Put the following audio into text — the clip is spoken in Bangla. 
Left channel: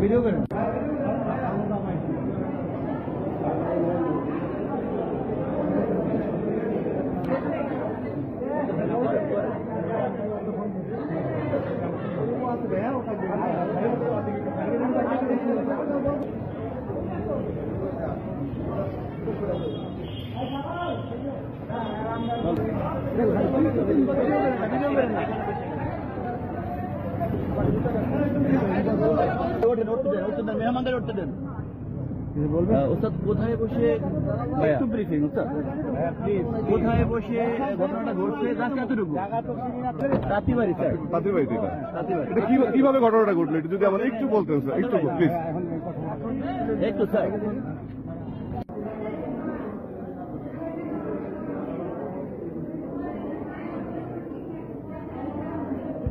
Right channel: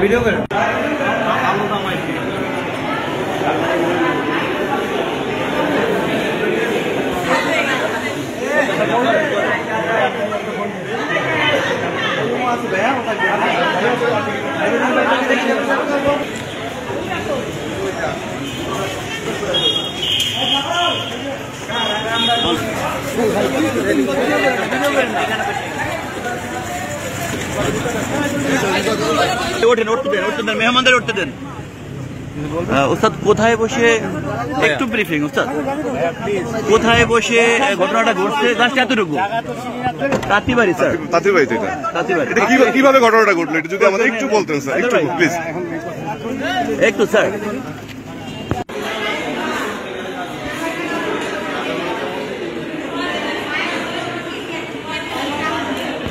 वीडियो करें মেহমানদের উঠতে দেন। ওস্তাদ কোথায় বসে একটু ব্রিফিং ওস্তাদ, কোথায় বসে ঘটনাটা ঘটছে জাস্ট এতটুকু? তাঁতিবাড়ি স্যার, তাঁতিবাড়ি। এটা কিভাবে ঘটনাটা ঘটলো এটা যদি আমাদের একটু বলতেন স্যার, একটু প্লিজ। একটু স্যার